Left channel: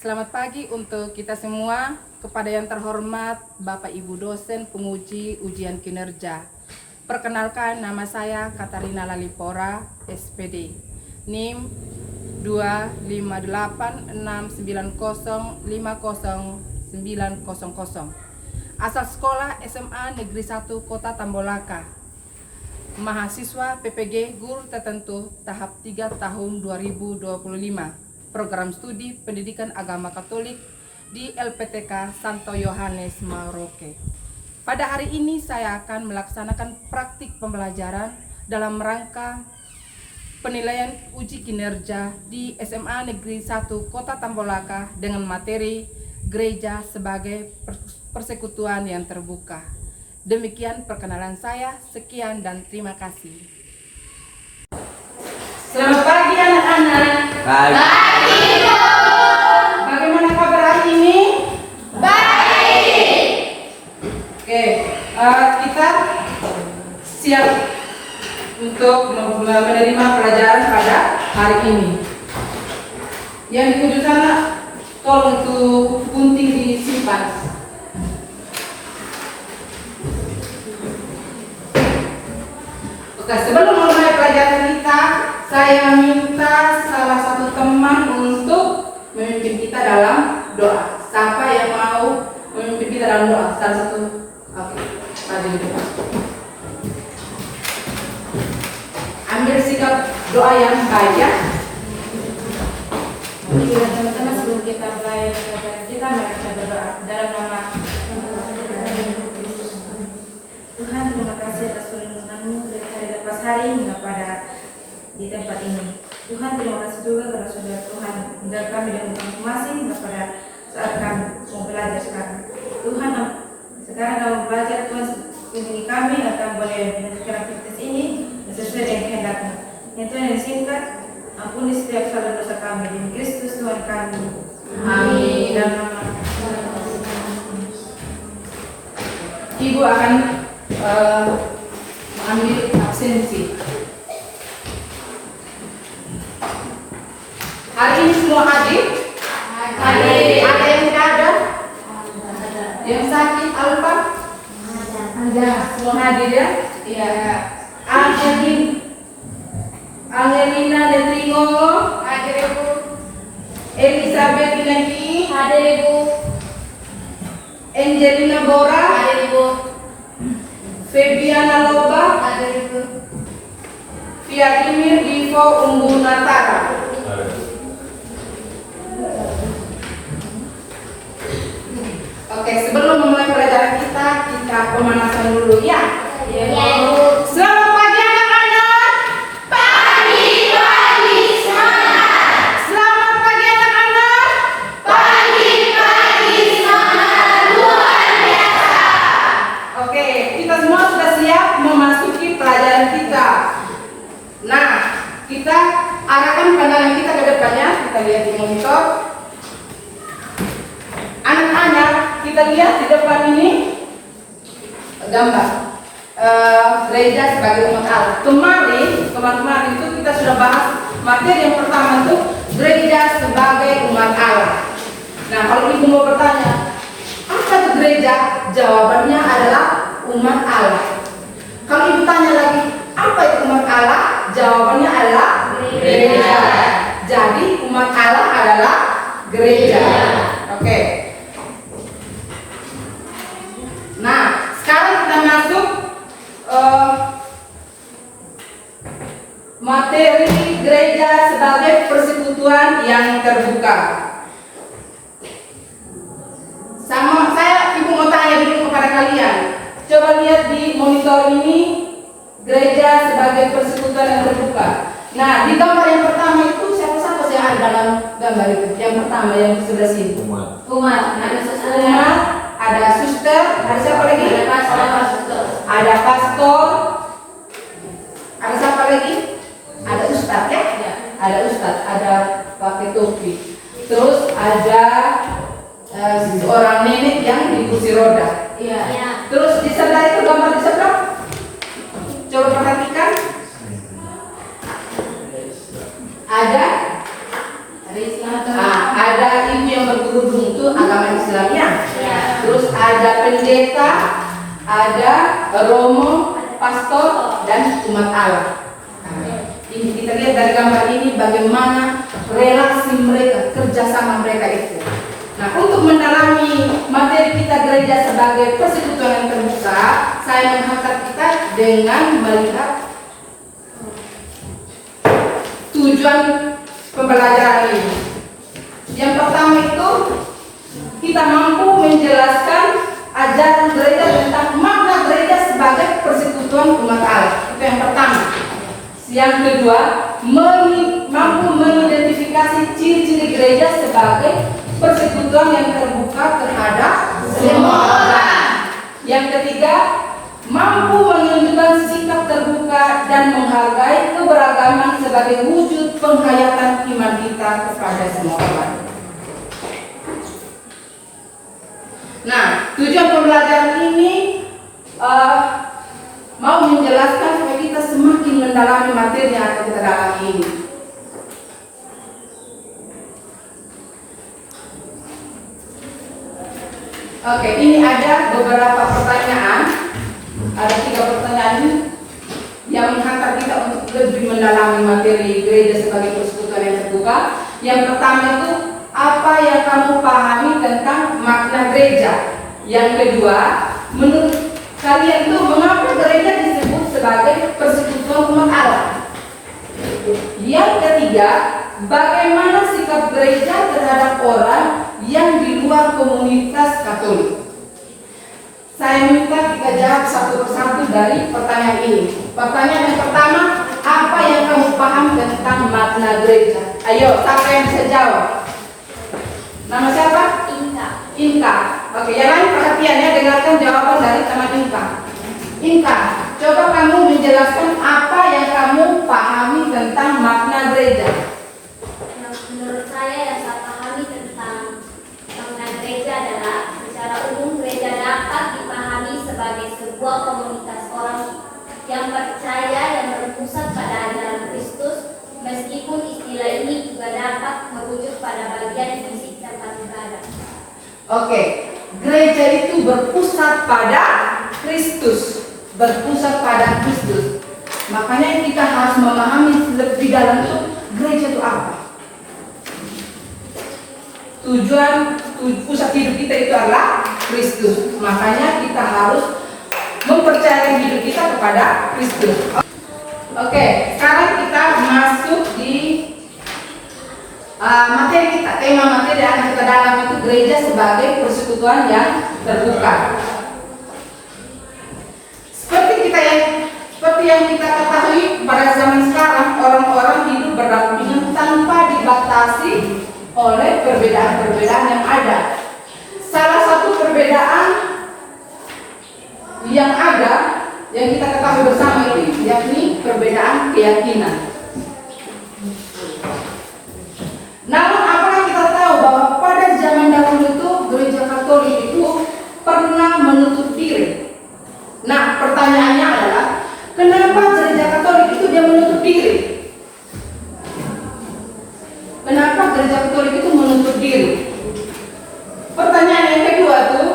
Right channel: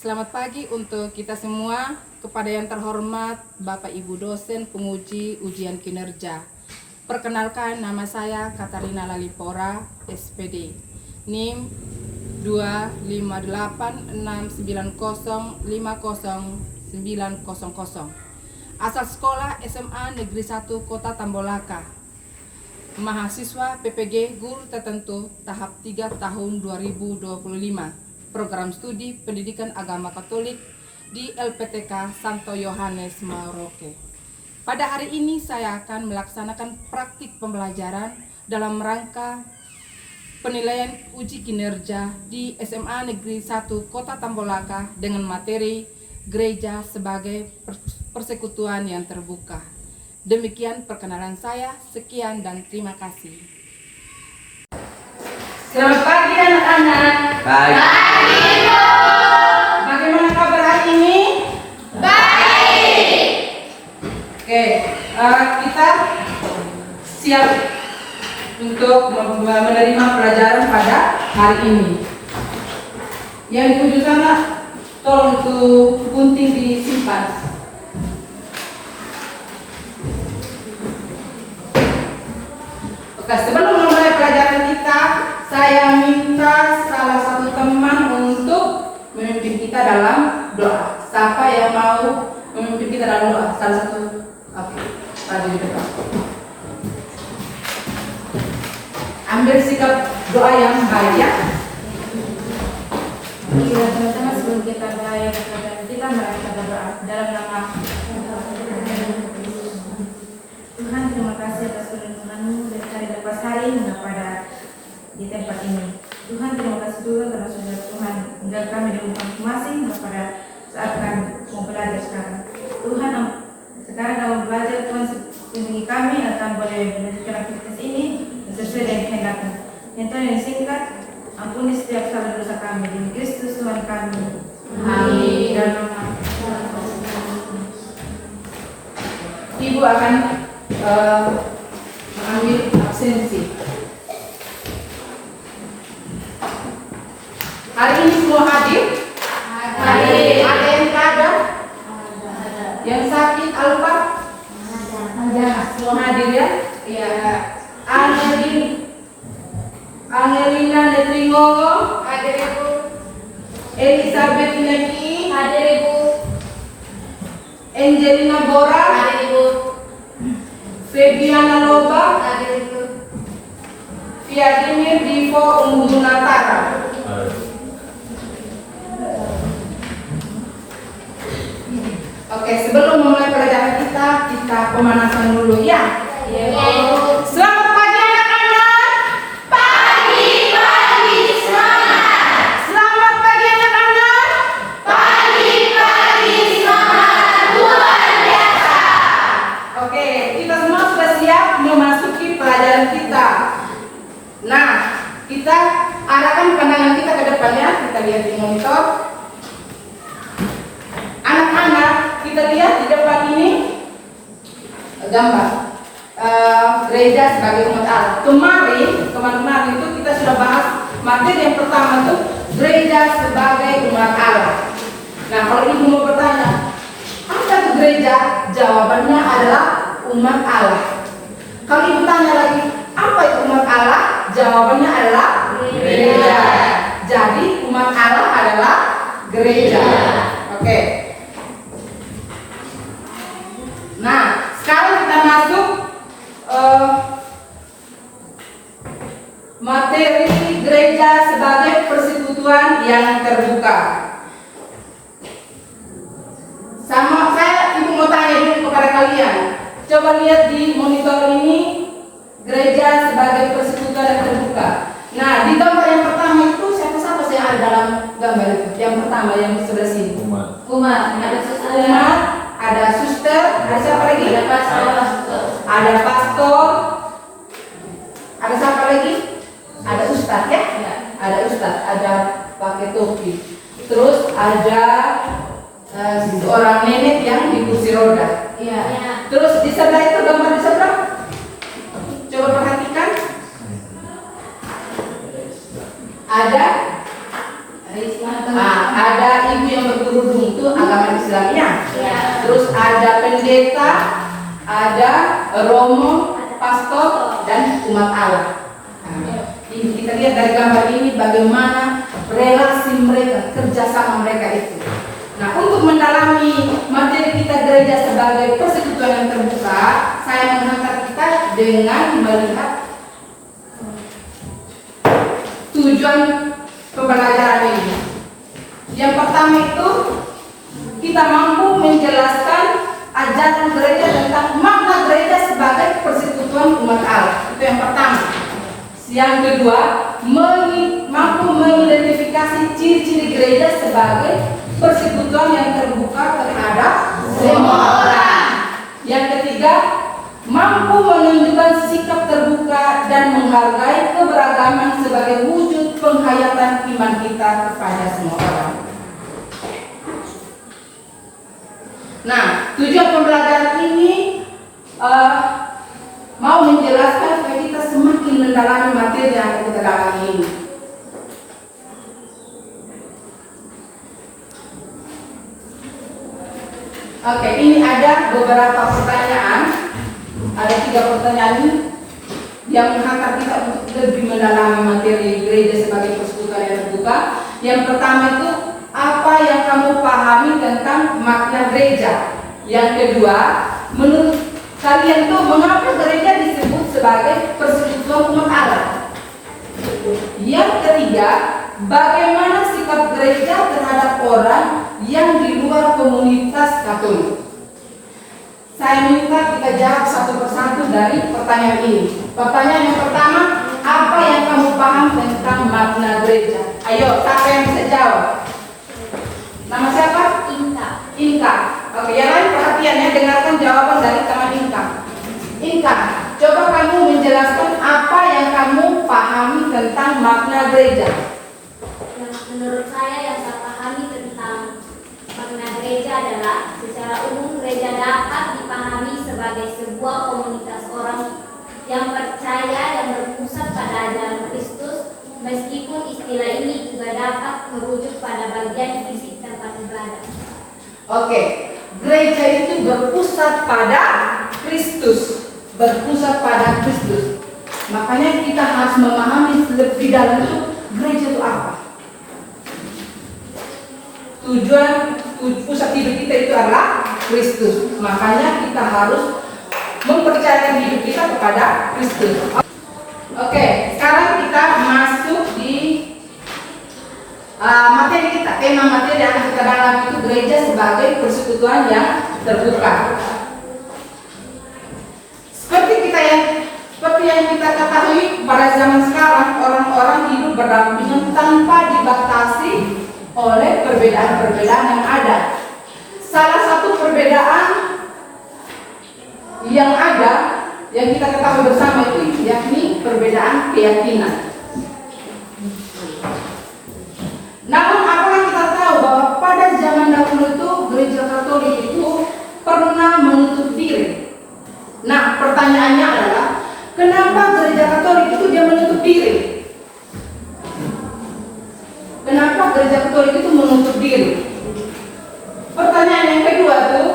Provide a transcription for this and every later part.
Selamat pagi untuk kita semua, kepada yang terhormat Bapak Ibu dosen penguji ujian kinerja. Perkenalkan, nama saya Katarina Lalipora, SPD, NIM 25869050900. Asal sekolah SMA Negeri 1 Kota Tambolaka. Mahasiswa PPG Guru Tertentu tahap 3 tahun 2025. Program studi Pendidikan Agama Katolik di LPTK Santo Yohanes Maroke. Pada hari ini saya akan melaksanakan praktik pembelajaran dalam rangka penilaian uji kinerja di SMA Negeri 1 Kota Tambolaka dengan materi gereja sebagai persekutuan yang terbuka. Demikian perkenalan saya, sekian dan terima kasih. Selamat pagi anak-anak. Pagi. Bagaimana kabar hari ini? Baik. Oke, kita siap untuk menerima pelajaran pada hari ini. Yang dituju sana, tolong untuk gunting disimpan. Oke, sebelum memulai pelajaran kita, saya minta salah satu teman untuk memimpin kita dalam doa. Siapa yang mau memimpin kita dalam doa? Salah satu. Oke, maju di depan. Ambil sikap doa yang baik ya. Sama-sama sebelum kita mulai pelajaran kita, mari kita berdoa dalam nama Tuhan. Terima kasih atas perlindungan-Mu dari hari lepas hari hingga pada di tempat ini. Tuhan, terima kasih juga karena sudah Tuhan hingga kami dengan masing-masing hingga pada saat kami mau belajar sekarang. Tuhan, sekarang dalam belajar Tuhan bimbing kami akan boleh melanjutkan aktivitas ini sesuai dengan kehendak-Mu. Yang Tuhan yang singkat, ampuni setiap salah dosa kami demi Kristus Tuhan kami. Amin. Dalam nama Ibu akan mengambil absensi. Hari ini semua hadir? Hadir. Ada yang tidak ada? Yang sakit Alfa? Ada. Semua hadir ya? Iya. Angelina Netringongo? Hadir Ibu. Elizabeth Inaki? Hadir Ibu. Angelina Bora? Hadir Ibu. Febiana Loba? Hadir Ibu. Vladimir Divo Umbunatara? Oke, sebelum memulai pelajaran kita pemanasan dulu ya. Selamat pagi anak-anak. Pagi semangat. Selamat pagi anak-anak. Pagi semangat luar biasa. Oke, kita semua sudah siap memasuki pelajaran kita. Nah, kita arahkan pandangan kita ke depannya. Kita lihat di monitor. Anak-anak, kita lihat di depan ini gambar gereja sebagai umat Allah. Kemarin itu kita sudah bahas materi yang pertama itu gereja sebagai umat Allah. Nah, kalau ibu mau bertanya, apa itu gereja? Jawabannya adalah umat Allah. Kalau ibu tanya lagi, apa itu umat Allah? Jawabannya adalah gereja. Jadi umat Allah adalah gereja. Oke. Nah, sekarang kita masuk materi gereja sebagai persekutuan yang terbuka. Sama saya, ibu mau tanya dulu kepada kalian. Coba lihat di monitor ini gereja sebagai persekutuan yang terbuka. Nah, di gambar yang pertama itu siapa-siapa yang ada dalam gambar itu? Yang pertama yang di sebelah sini. Umat. Ada suster. Umat, ada suster, ada siapa lagi? Ada pastor. Ada pastor. Ada siapa lagi? Ada ustadz ya? Ya. Ada ustadz, ada pakai topi. Terus ada seorang nenek yang di kursi roda. Iya. Terus di sebelah itu gambar di sebelah. Coba perhatikan. Ada Risma. ada ibu yang Islam ya. Terus ada pendeta, ada romo, pastor, dan umat Allah. Nah, ini kita lihat dari gambar ini bagaimana relasi mereka, kerjasama mereka itu. Nah, untuk mendalami materi kita gereja sebagai persekutuan yang terbuka, saya menghantar kita dengan melihat tujuan pembelajaran ini. Yang pertama itu kita mampu menjelaskan ajaran gereja tentang makna gereja sebagai persekutuan umat Allah. Itu yang pertama. Yang kedua, mampu mengidentifikasi ciri-ciri gereja sebagai persekutuan yang terbuka terhadap semua orang. Yang ketiga, mampu menunjukkan sikap terbuka dan menghargai keberagaman sebagai wujud penghayatan iman kita kepada semua orang. Nah, tujuan pembelajaran ini mau menjelaskan supaya kita semakin mendalami materi yang akan kita dalami ini. Oke, ini ada beberapa pertanyaan. Ada 3 pertanyaan ini yang menghantar kita untuk lebih mendalami materi gereja sebagai persekutuan yang terbuka. Yang pertama itu, apa yang kamu pahami tentang makna gereja? Yang kedua, menurut kalian tuh mengapa gereja disebut sebagai persekutuan umat Allah? Yang ketiga, bagaimana sikap gereja terhadap orang yang di luar komunitas Katolik? Saya minta kita jawab satu persatu dari pertanyaan ini. Pertanyaan yang pertama, apa yang kamu paham tentang makna gereja? Ayo, siapa yang bisa jawab? Nama siapa? Inka. Inka. Oke, yang lain perhatian ya, dengarkan jawaban dari teman Inka. Inka, coba kamu menjelaskan apa yang kamu pahami tentang makna gereja. Yang menurut saya yang saya pahami tentang makna gereja adalah secara umum gereja dapat dipahami sebagai sebuah komunitas orang yang percaya dan berpusat pada ajaran Kristus, meskipun istilah ini juga dapat merujuk pada bagian fisik tempat ibadah. Oke, gereja itu berpusat pada Kristus, berpusat pada Kristus. Makanya kita harus memahami lebih dalam itu gereja itu apa. Tujuan pusat hidup kita itu adalah Kristus. Makanya kita harus mempercayakan hidup kita kepada Kristus. Oke, sekarang kita masuk di materi kita. Tema materi yang kita dalam itu gereja sebagai persekutuan yang terbuka. Seperti yang kita ketahui pada zaman sekarang, orang-orang hidup berdampingan tanpa dibatasi oleh perbedaan-perbedaan yang ada. Salah satu perbedaan yang ada yang kita ketahui bersama itu yakni perbedaan keyakinan. Namun apakah kita tahu bahwa pada zaman dahulu itu gereja Katolik itu pernah menutup diri? Nah, pertanyaannya adalah kenapa gereja Katolik itu dia menutup diri? Kenapa gereja Katolik itu menutup diri? Pertanyaan yang kedua tuh,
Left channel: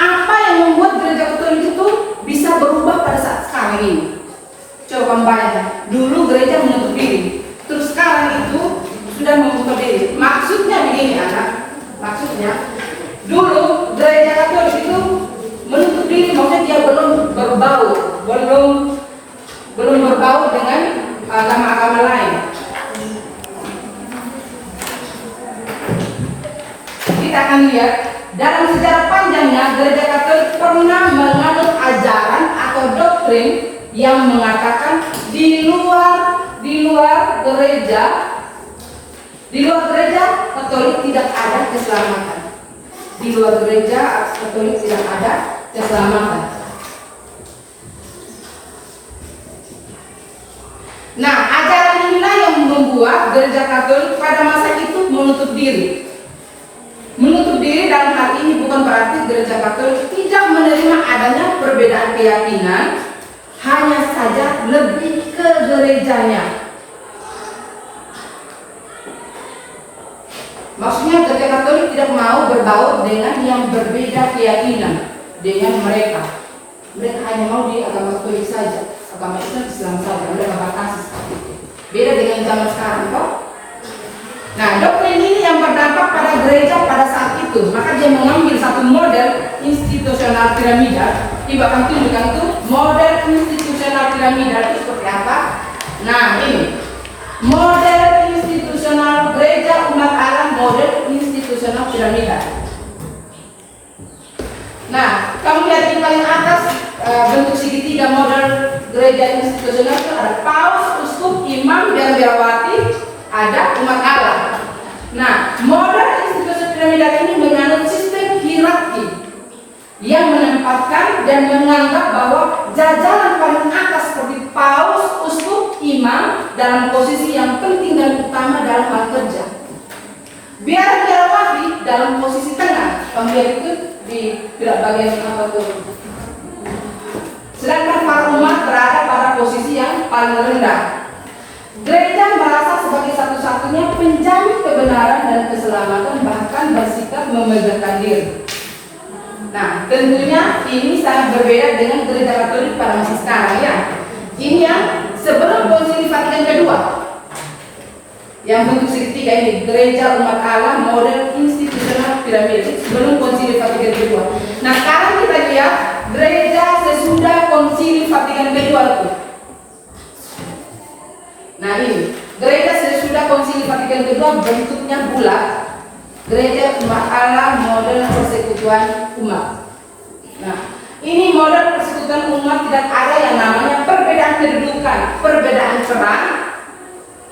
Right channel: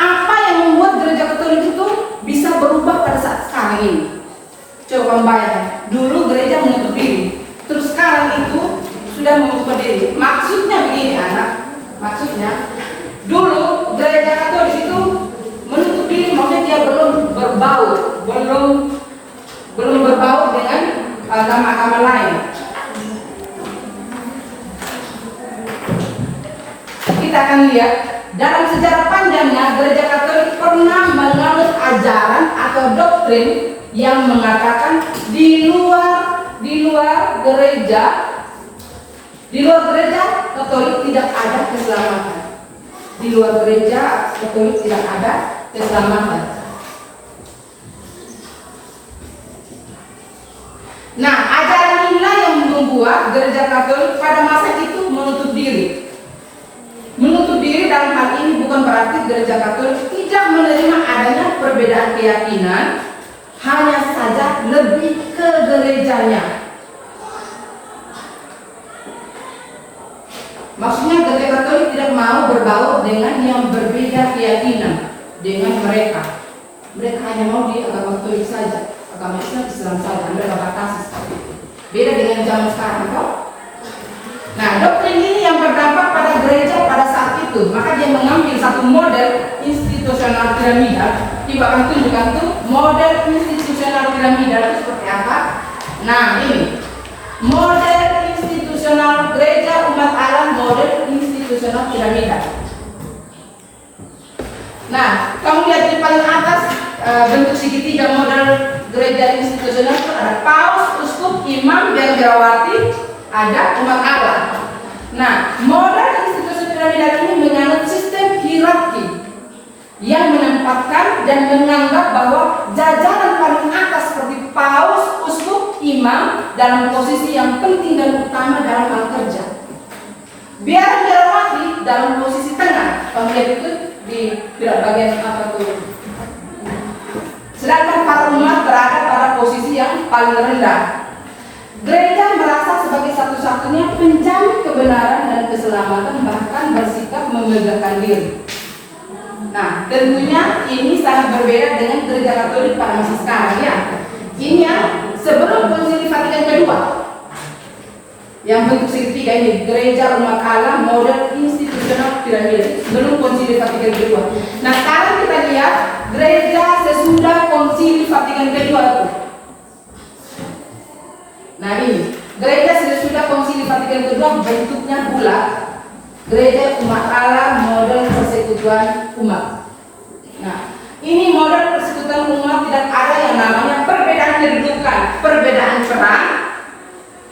apa yang membuat gereja Katolik itu bisa berubah pada saat sekarang ini? Coba bayangkan, dulu gereja menutup diri, terus sekarang itu sudah membuka diri. Maksudnya begini anak, maksudnya dulu gereja Katolik itu menutup diri, maksudnya dia belum berbau dengan agama-agama lain. Kita akan lihat dalam sejarah panjangnya gereja Katolik pernah menganut ajaran atau doktrin yang mengatakan di luar gereja Katolik tidak ada keselamatan. Di luar gereja Katolik tidak ada keselamatan. Nah, ajaran inilah yang membuat gereja Katolik pada masa itu menutup diri. Menutup diri dalam hal ini bukan berarti gereja Katolik tidak menerima adanya perbedaan keyakinan, hanya saja lebih ke gerejanya. Maksudnya gereja Katolik tidak mau berbaur dengan yang berbeda keyakinan dengan mereka. Mereka hanya mau di agama Katolik saja, agama Islam saja, mereka batasi seperti itu. Beda dengan zaman sekarang, toh. Nah, doktrin ini yang berdampak pada gereja pada saat itu. Maka dia mengambil satu model institusional piramidal. Coba akan tunjukkan tuh model institusional piramidal itu seperti apa. Nah, ini model institusional gereja umat Allah, model institusional piramidal. Nah, kamu lihat di paling atas bentuk segitiga model gereja institusional itu ada paus, uskup, imam, biarawati, ada umat Allah. Nah, model institusi piramidal ini menganut sistem hierarki yang menempatkan dan menganggap bahwa jajaran paling atas seperti paus, uskup, imam dalam posisi yang penting dan utama dalam hal kerja. Biarawati dalam posisi tengah. Kemudian itu di bagian apa tuh? Sedangkan para umat berada pada posisi yang paling rendah. Gereja merasa sebagai satu-satunya penjamin kebenaran dan keselamatan, bahkan bersikap memegahkan diri. Nah, tentunya ini sangat berbeda dengan gereja Katolik pada masa sekarang ya. Ini yang sebelum Konsili Vatikan kedua, yang bentuk segitiga ini, gereja umat Allah model institusional piramid sebelum Konsili Vatikan kedua. Nah, sekarang kita lihat gereja sesudah Konsili Vatikan kedua itu. Nah, ini gereja sesudah Konsili Vatikan kedua bentuknya bulat. Gereja umat Allah model persekutuan umat. Nah, ini model persekutuan umat tidak ada yang namanya perbedaan kedudukan, perbedaan peran,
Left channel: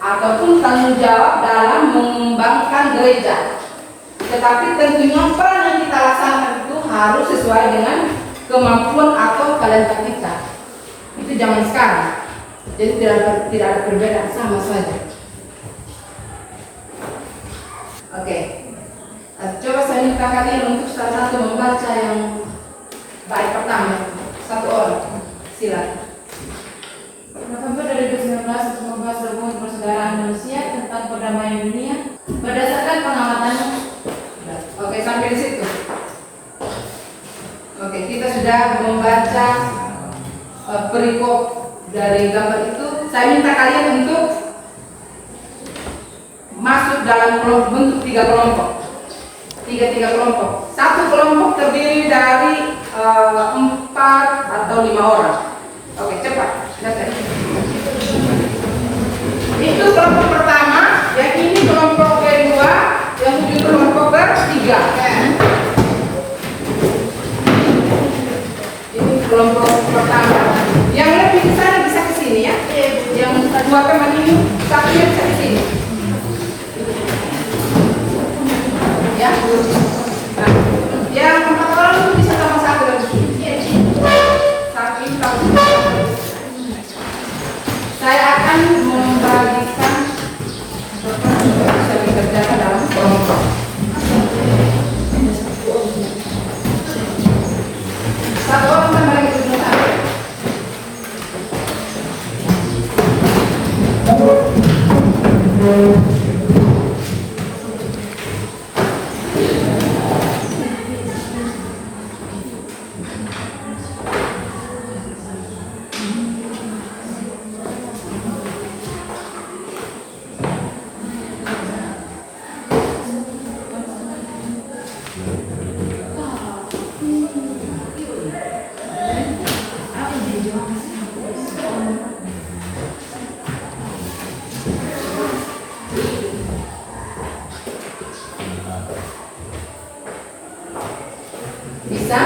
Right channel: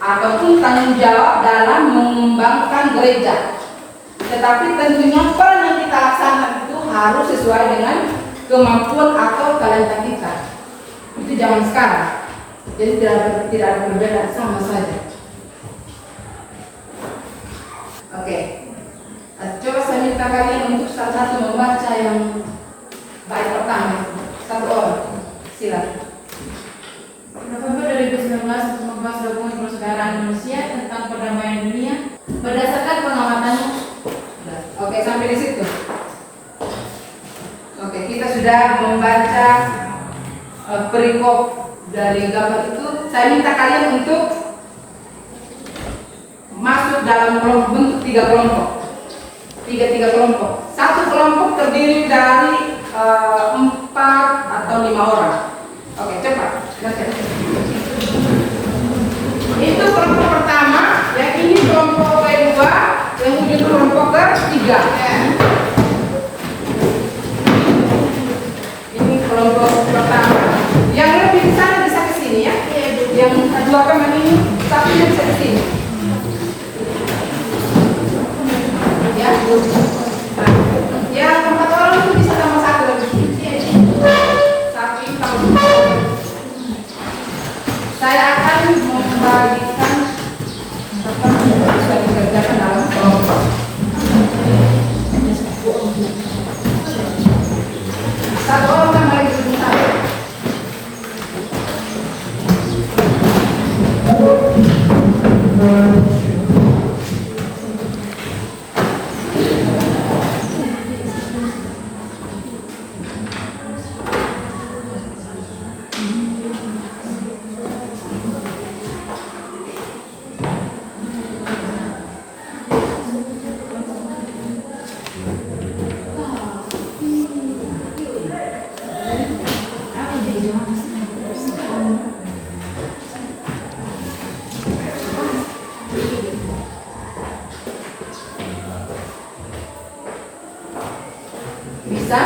ataupun tanggung jawab dalam mengembangkan gereja. Tetapi tentunya peran yang kita laksanakan itu harus sesuai dengan kemampuan atau talenta kita. Itu zaman sekarang. Jadi tidak ada perbedaan, sama saja. Oke. Coba saya minta kalian untuk salah satu membaca yang bait pertama, satu orang. Silakan. November 2019 untuk membahas dokumen persaudaraan manusia tentang perdamaian dunia berdasarkan pengamatannya. Oke, sampai di situ. Oke, kita sudah membaca perikop dari gambar itu. Saya minta kalian untuk masuk dalam bentuk tiga kelompok. Tiga kelompok. Satu kelompok terdiri dari 4 atau 5 orang. Oke, cepat. Itu kelompok pertama, yang ini kelompok kedua, yang ujung kelompok ketiga. Ini kelompok pertama. Yang lebih ke sana bisa ke sini ya. Yang dua teman ini satunya bisa ke sini. Ya. Nah, yang 4 orang itu bisa sama-sama lagi. Tapi kalau saya akan membagikan apa yang bisa dikerjakan dalam kelompok. Satu orang sama yang sebentar. Bisa?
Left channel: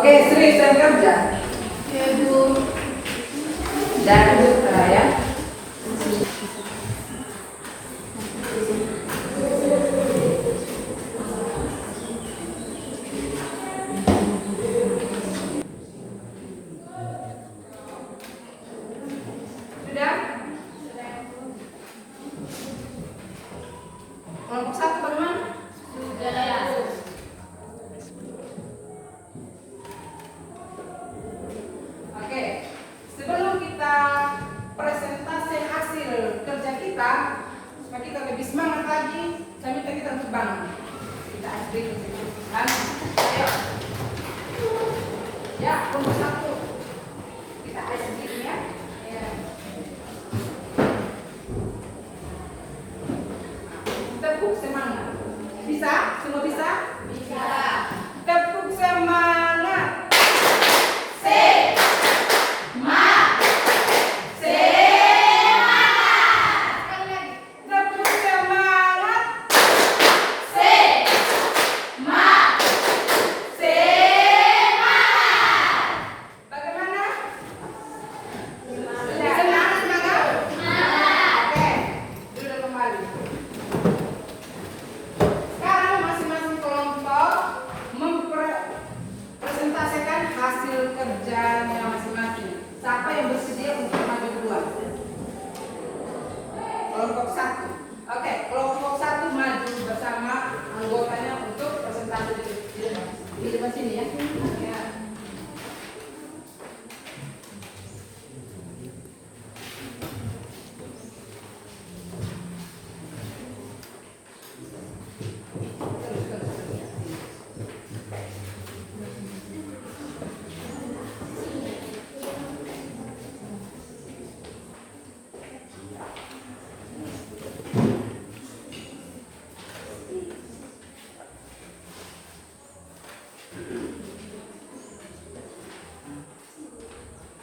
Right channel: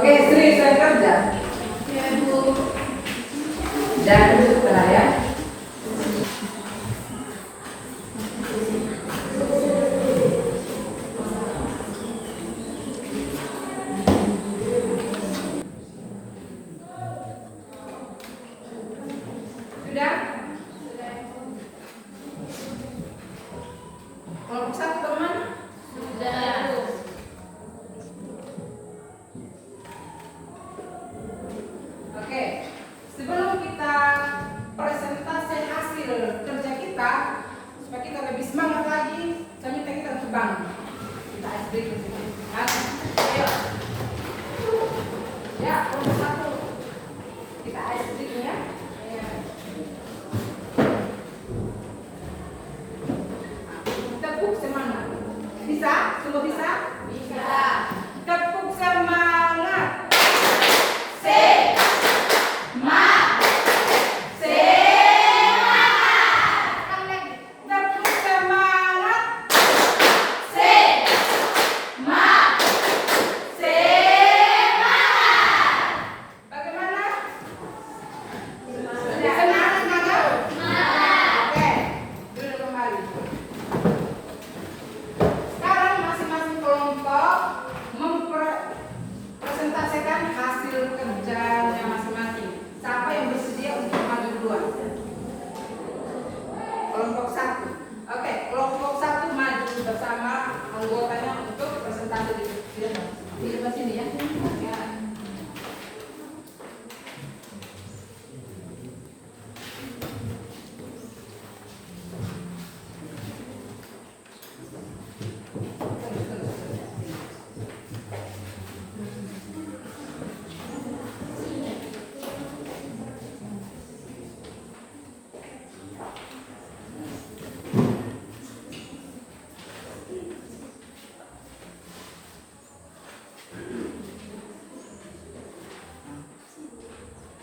Oke, Sri sedang kerja. Jangan lupa ya. Sudah? Kelompok 1 teman? Oke, sebelum kita presentasi hasil kerja kita, supaya kita lebih semangat lagi, saya minta kita untuk bangun. Kita SD di sini. Ayo. Ya, kelompok 1. Kita SD ya. Tepuk semangat. Bisa? Semua bisa? Bisa. Tepuk semangat. Kelompok 1. Oke, kelompok 1 maju bersama anggotanya untuk presentasi di sini ya. Ya.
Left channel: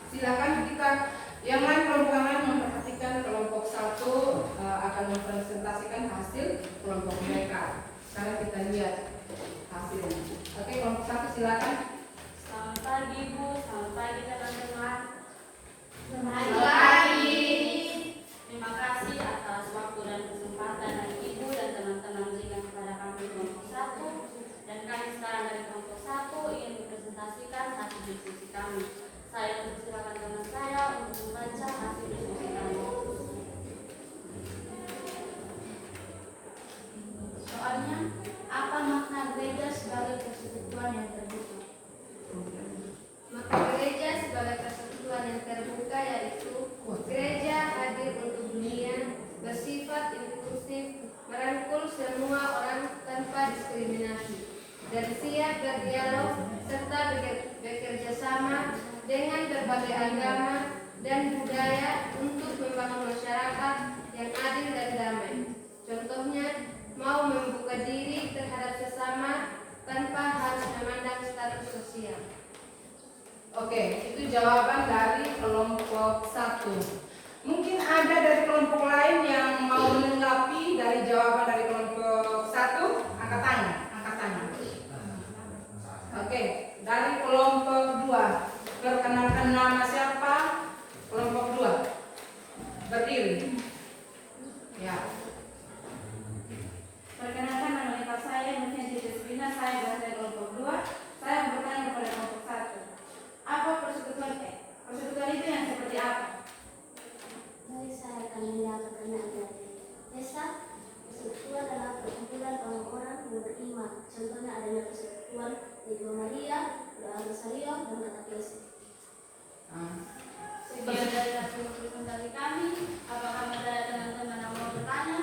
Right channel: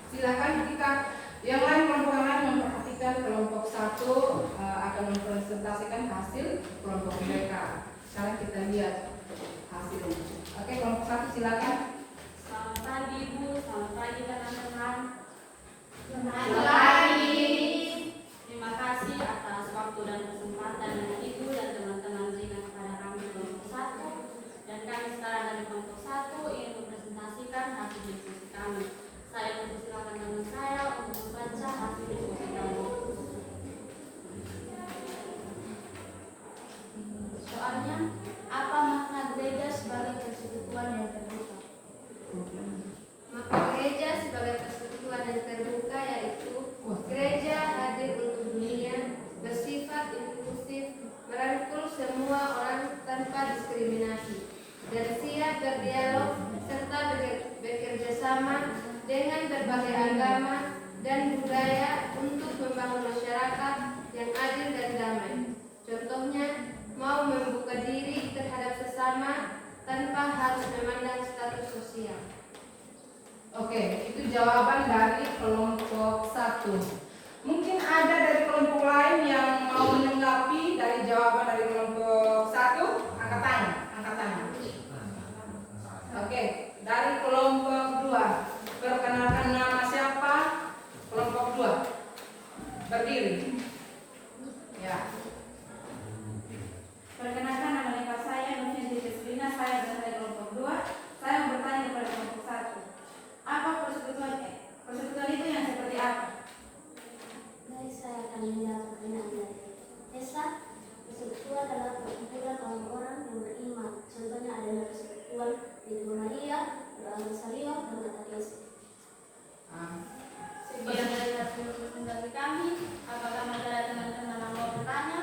Silakan kita yang lain, kelompok yang lain memperhatikan kelompok 1 akan mempresentasikan hasil kelompok mereka. Sekarang kita lihat hasilnya. Oke, kelompok 1 silakan. Selamat pagi Bu, selamat pagi teman-teman. Selamat pagi. Terima kasih atas waktu dan kesempatan dari Ibu dan teman-teman berikan kepada kami kelompok 1. Dan kami sekarang dari kelompok 1 ingin mempresentasikan hasil diskusi kami. Saya mempersilakan teman saya untuk membaca hasil diskusi kami. Soalnya, apa makna gereja sebagai persekutuan yang terbuka? Maka gereja sebagai persekutuan yang terbuka yaitu gereja hadir untuk dunia, bersifat inklusif, merangkul semua orang tanpa diskriminasi, dan siap berdialog serta bekerja sama dengan berbagai agama dan budaya untuk membangun masyarakat yang adil dan damai. Contohnya, mau membuka diri terhadap sesama tanpa harus memandang status sosial. Oke, itu jawaban dari kelompok 1. Mungkin ada dari kelompok lain yang mau menanggapi dari jawaban dari kelompok 1? Angkat tangan, angkat tangan. Oke, dari kelompok 2. Perkenalkan nama siapa? Kelompok 2. Berdiri. Ya. Perkenalkan, nama lengkap saya Nurhenti Desvina, saya berasal dari kelompok 2. Saya bertanya kepada kelompok 1. Apa persekutuan? Persekutuan itu yang seperti apa? Baik, saya akan menjawab pertanyaan dari Esa. Persekutuan adalah perkumpulan orang-orang yang beriman. Contohnya adanya persekutuan Ibu Maria, Doa Rosario, dan Katekese. Sekian dari hasil presentasi kami. Apakah ada teman-teman yang mau bertanya?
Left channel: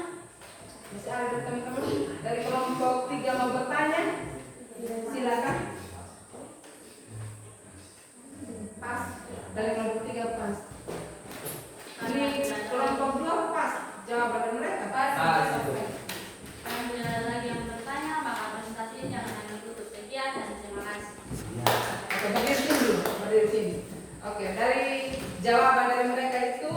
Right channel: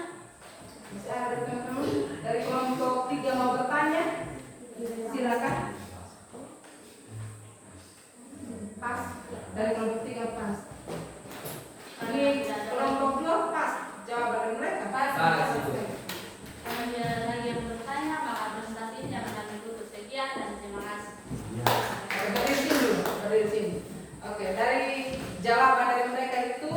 Bisa ada teman-teman dari kelompok 3 mau bertanya? Silakan. Pas. Dari kelompok 3 pas. Ini kelompok 2 pas. Jawaban dari mereka pas. Kalau tidak ada lagi yang bertanya, maka presentasi ini akan ditutup. Sekian dan terima kasih. Oke, berdiri sini dulu. Berdiri sini. Oke, dari jawaban dari mereka itu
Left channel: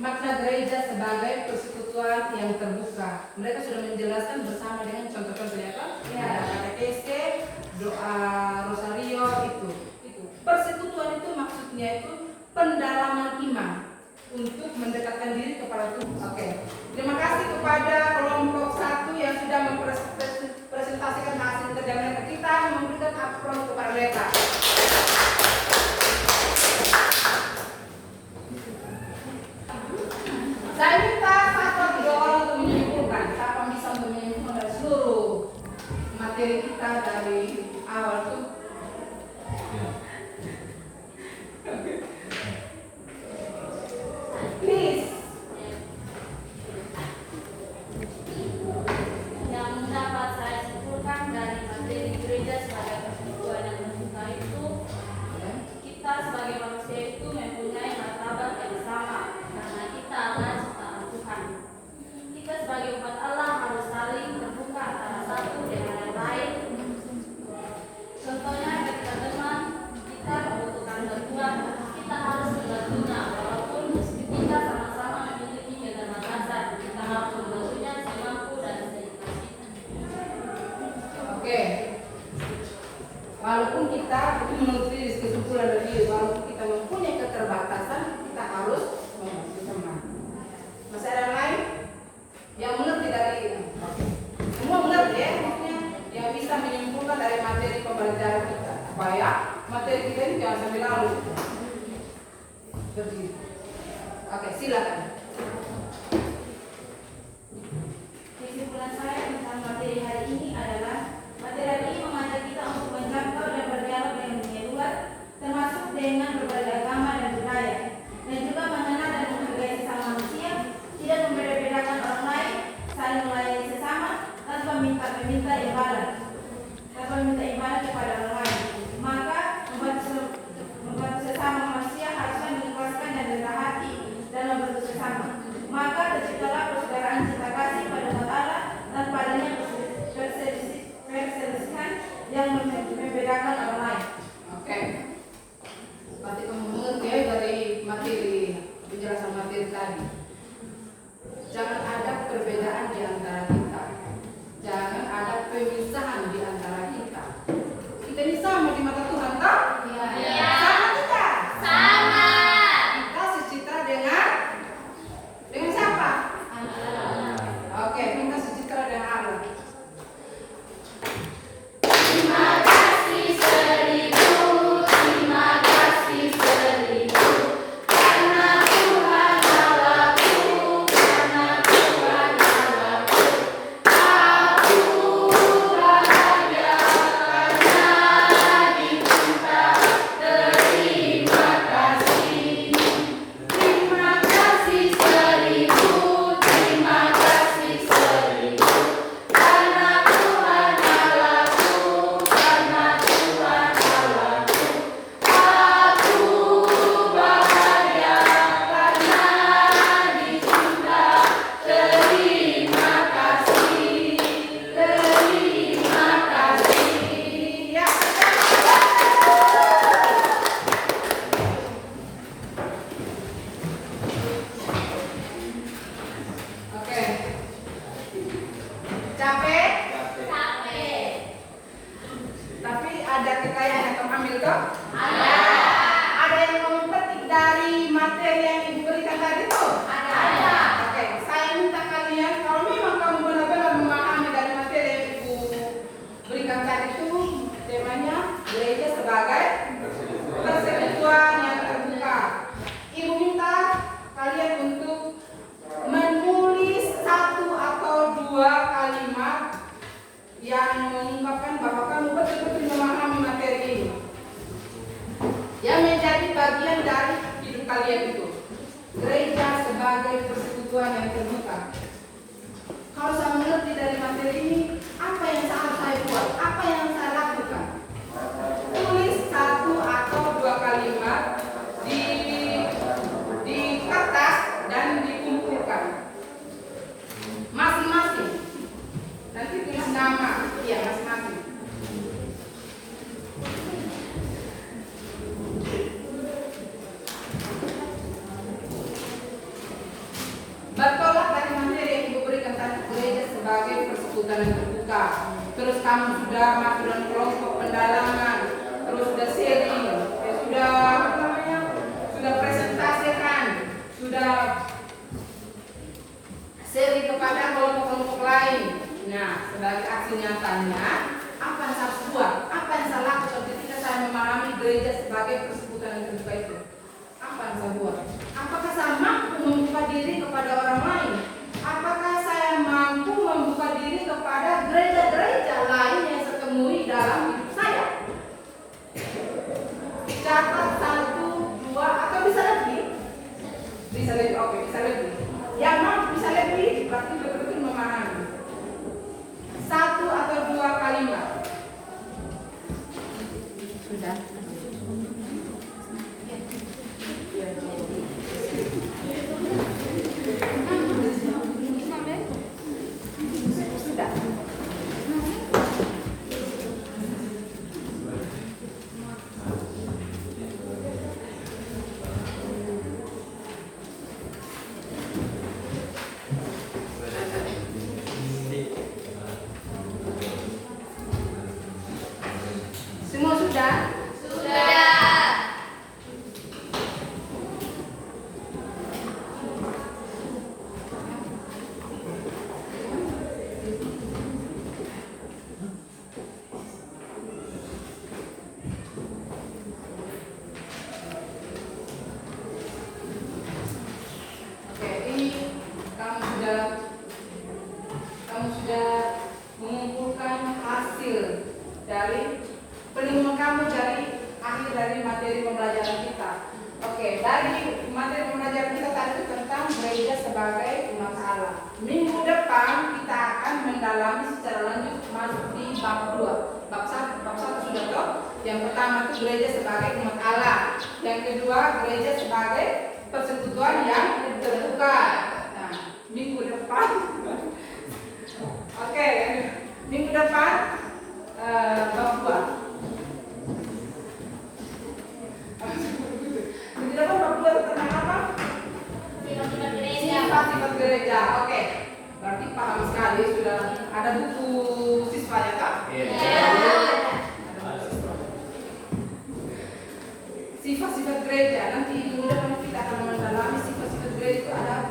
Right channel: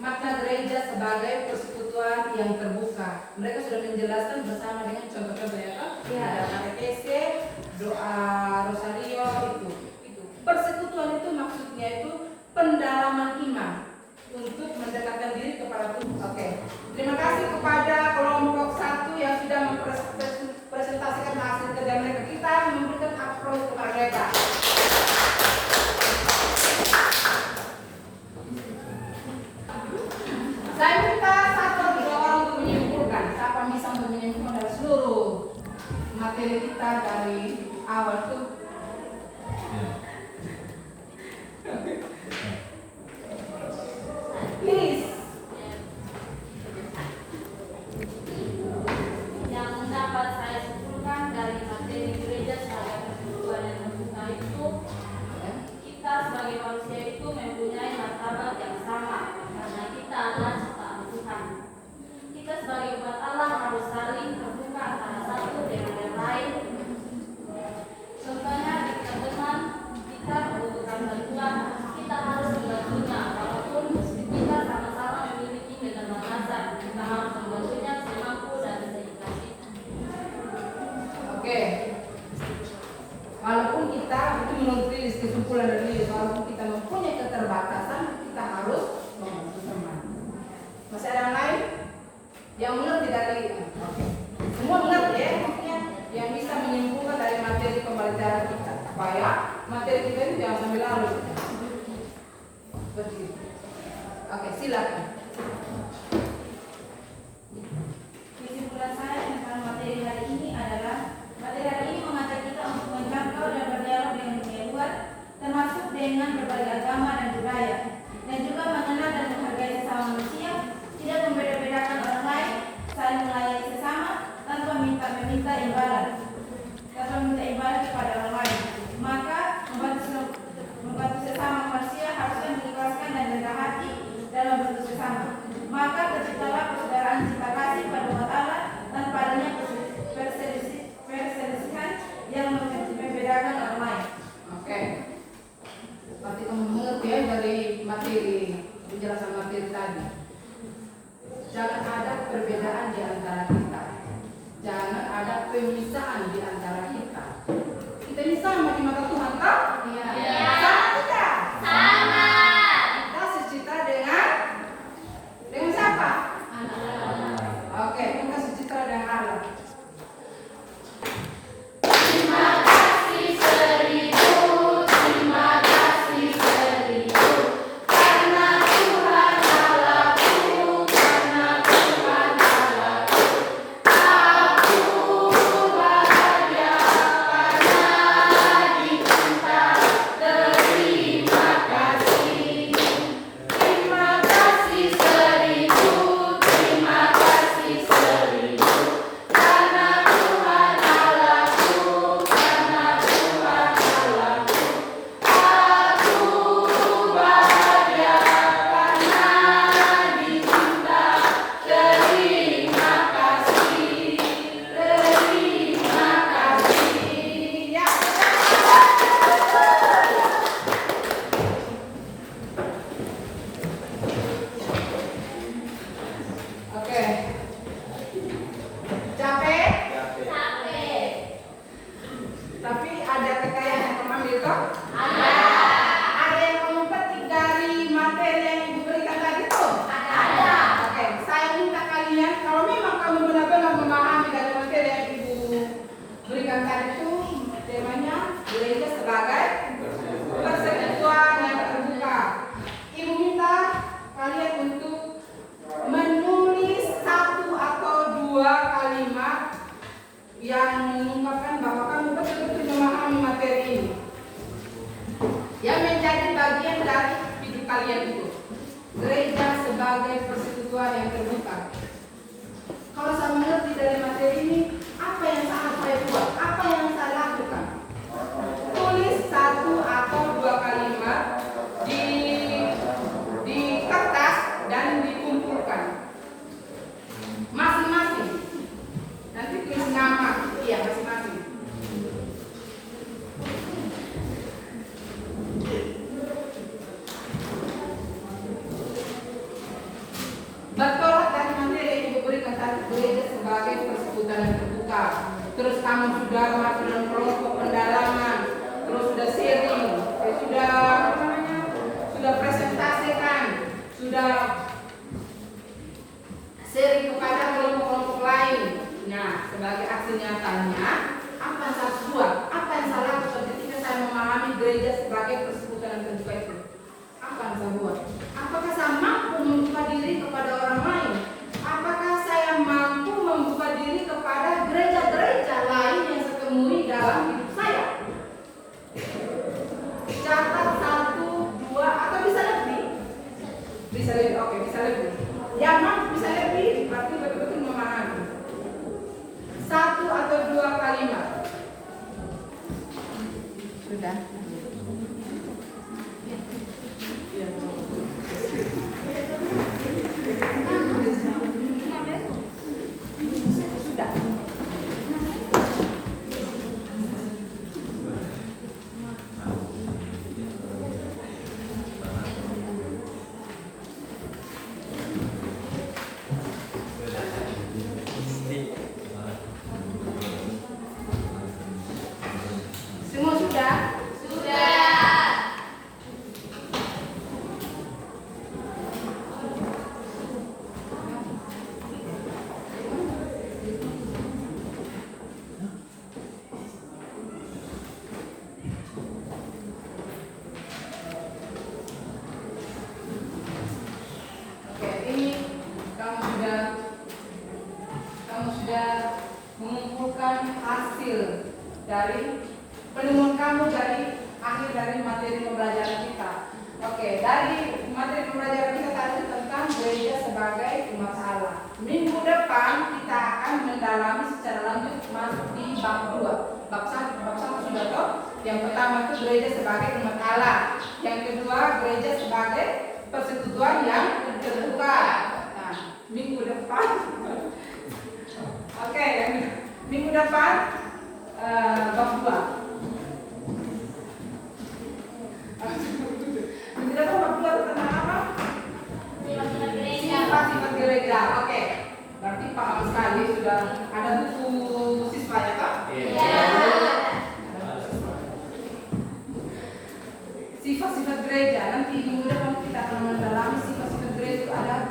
makna gereja sebagai persekutuan yang terbuka. Mereka sudah menjelaskan bersama dengan contoh-contoh apa? Ada katekese, doa Oke. Terima kasih kepada kelompok 1 yang sudah mempresentasikan hasil kerja mereka. Kita memberikan applaus kepada mereka. Saya minta satu atau dua orang untuk menyimpulkan. Siapa bisa untuk menyimpulkan dari seluruh materi kita dari awal tuh? Please. Yang dapat saya simpulkan dari materi gereja sebagai persekutuan yang terbuka itu, kita sebagai manusia itu mempunyai martabat yang sama karena kita adalah ciptaan Tuhan. Kita sebagai umat Allah harus saling terbuka antara satu dengan yang lain. Contohnya ketika teman kita membutuhkan bantuan, kita harus membantunya walaupun kita sama-sama memiliki keterbatasan. Kita harus membantunya semampu dan sedikit. Oke. Walaupun kita itu menurut kesimpulan dari walaupun kita mempunyai keterbatasan, kita harus membantu teman. Masih ada yang lain yang mengerti dari oke. Semua mengerti ya, maksudnya yang bisa menyimpulkan dari materi pembelajaran kita supaya materi kita ini jangan sampai larut. Seperti itu. Oke, silakan. Kesimpulan saya tentang materi hari ini adalah materi hari ini mengajak kita untuk menjangkau dan berdialog dengan dunia luar, termasuk dengan berbagai agama dan budaya, dan juga mengenal dan menghargai sesama manusia, tidak membeda-bedakan orang lain, saling melayani sesama tanpa meminta imbalan kepada orang lain. Maka membantu sesama manusia haruslah mengikhlaskan dan rendah hati dan membantu sesama. Maka terciptalah persaudaraan cinta kasih pada umat Allah tanpa adanya perselisihan yang membedakan orang lain. Oke. Berarti kamu mengerti ya dari materi penjelasan materi tadi. Jangan ada perbedaan di antara kita. Jangan ada pemisahan di antara kita. Kita ini sama di mata Tuhan, tak? Iya. Sama kita. Sama. Kita secitra dengan siapa? Oke, kita secitra dengan Allah. Terima kasih seribu, terima kasih seribu, karena Tuhan Allahku, karena Tuhan Allahku, aku bahagia karena dicinta. Terima kasih, terima kasih seribu, terima kasih seribu, karena Tuhan Allahku, karena Tuhan Allahku, aku bahagia karena dicinta. Terima kasih, terima kasih. Ya. Oke. Capek? Capek. Tapi ada kekayaan yang kamu ambil toh? Ada. Ada yang kamu petik dari materi yang ibu berikan tadi tuh? Ada. Oke, saya minta kalian kalau memang kamu benar-benar memahami dari materi yang ibu berikan tadi itu temanya gereja sebagai persekutuan yang terbuka. Ibu minta kalian untuk menulis 1 atau 2 kalimat yang mengungkapkan bahwa kamu betul-betul memahami materi ini, yang menjadi bagian dari hidup kalian itu. Gereja sebagai persekutuan yang terbuka. Kalau saya mengerti dari materi ini, apa yang harus saya buat? Apa yang saya lakukan? Tulis 1 atau 2 kalimat di kertas dan dikumpulkan masing-masing. Nanti tulis nama, iya masing-masing. Bertolak dari materi yang ibu berikan tadi, gereja sebagai persekutuan yang terbuka. Terus kamu sudah masuk dalam kelompok pendalaman, terus sudah sharing, sudah apa namanya, sudah presentasikan, sudah sharing kepada kelompok-kelompok lain. Nah, sebagai aksi nyatanya, apa yang saya harus buat? Apa yang saya lakukan ketika saya memahami gereja sebagai persekutuan yang terbuka itu? Apa yang saya buat? Apakah saya mampu membuka diri kepada orang lain? Apakah saya mampu membuka diri kepada gereja-gereja lain yang saya temui dalam hidup saya? Catat 1, 2, atau bisa lebih? Bisa lebih, oke, bisa lebih. Yang mampu bisa lebih, berarti betul-betul memahami. 1 atau 2 kalimat. Sudah. Sudah. Semua sudah? Oke, ini kamu sudah mengumpulkan hasil dari penemuan kamu dari akhir dari materi pembelajaran kita. Oke, dari materi pembelajaran kita tadi tentang gereja sebagai umat Allah. Minggu depan kita akan mendalami secara lanjut masuk di bab 2. Bab 1 sudah tahu. Yang pertama itu gereja sebagai umat Allah. Yang kedua gereja sebagai persekutuan yang terbuka. Nah, minggu depan. Oke, minggu depan bab 2. Minggu depan bab 2 tentang apa? Sifat-sifat gereja. Oke. Berarti paham sekali, sudah ada buku siswa ya Kak? Iya. Sifat-sifat gereja. Nanti minggu depan kita akan mendalami sifat-sifat gereja itu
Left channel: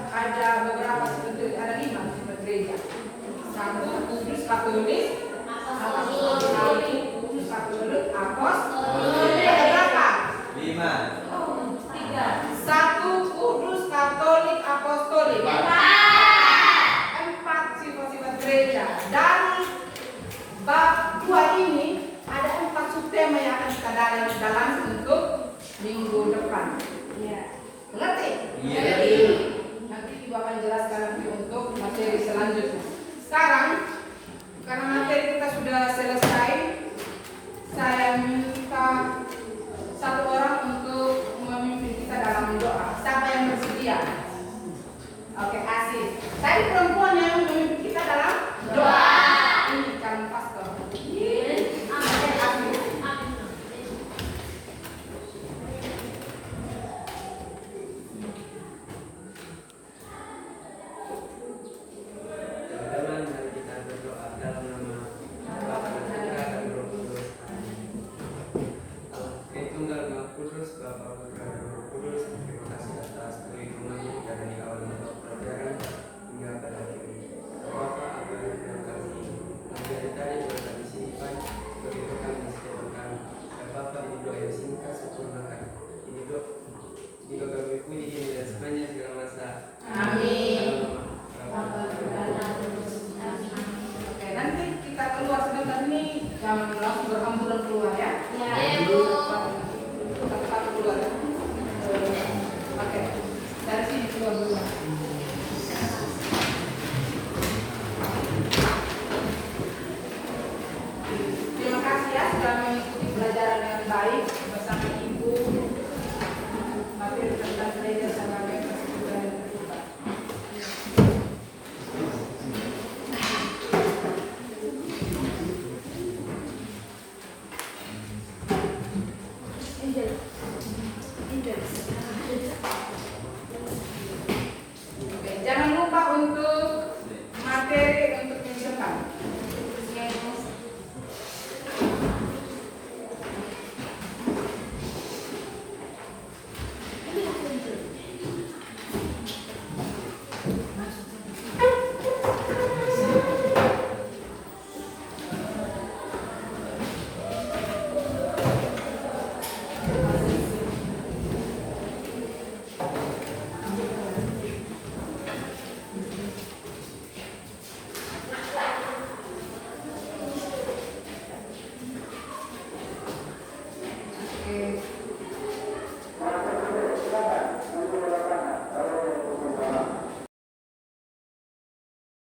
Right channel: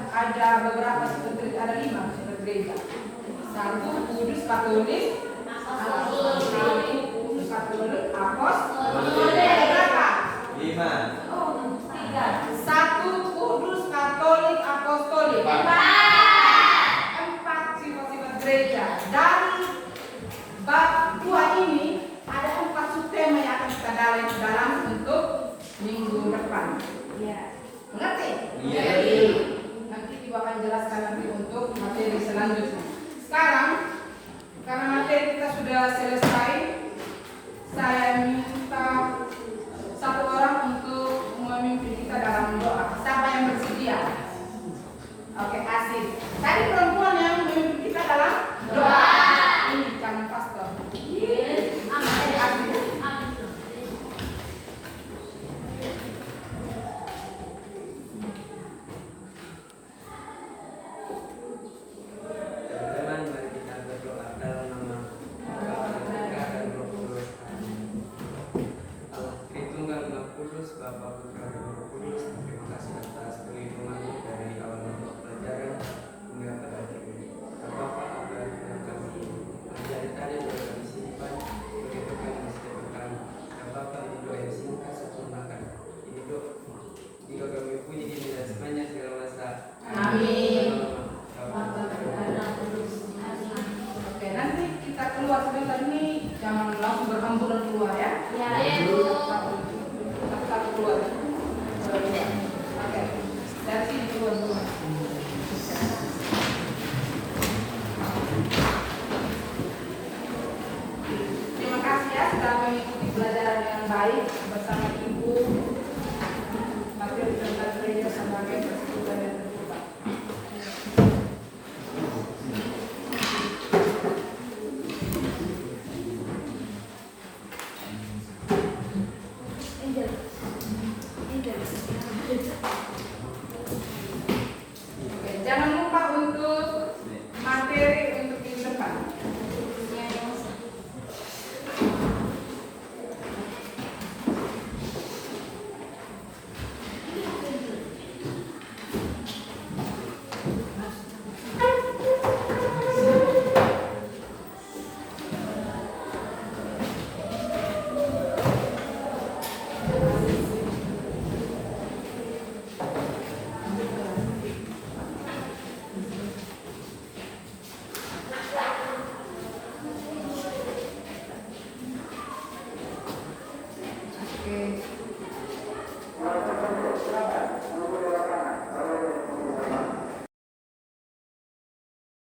ada beberapa sifat gereja, ada 5 sifat gereja. 1, kudus, katolik, apostolik, ada berapa? 5. Oh, 3. 1, kudus, katolik, apostolik. 4 sifat-sifat gereja. Dari bab 2 ini ada 4 subtema yang akan kita dalam untuk minggu depan. Iya. Mengerti? Iya. Nanti Ibu akan jelaskan nanti untuk materi selanjutnya. Sekarang karena materi kita sudah selesai, saya minta satu orang untuk memimpin kita dalam doa. Siapa yang bersedia? Oke, asik. Tadi perempuan yang memimpin kita dalam doa. Ini kan pastor. Asik. Teman-teman, mari kita berdoa dalam nama Bapa dan Putra dan Roh Kudus. Allah Tritunggal Maha Kudus, Bapa, Putra dan Roh Kudus. Terima kasih atas perlindungan-Mu dari awal mula pelajaran hingga pada akhir ini. Bapa, apa yang kami pelajari tadi boleh kami simpan begitu kami setiap kami. Dan Bapa, ini doa yang singkat sempurnakan. Ini doa kami puji ini dan semuanya segala masa. Amin. Oke, nanti kita keluar sebentar ini, jangan langsung berhamburan keluar ya. Satu-satu keluar. Oke, dari sini keluar dulu. Terima kasih ya sudah mengikuti pelajaran yang baik bersama Ibu.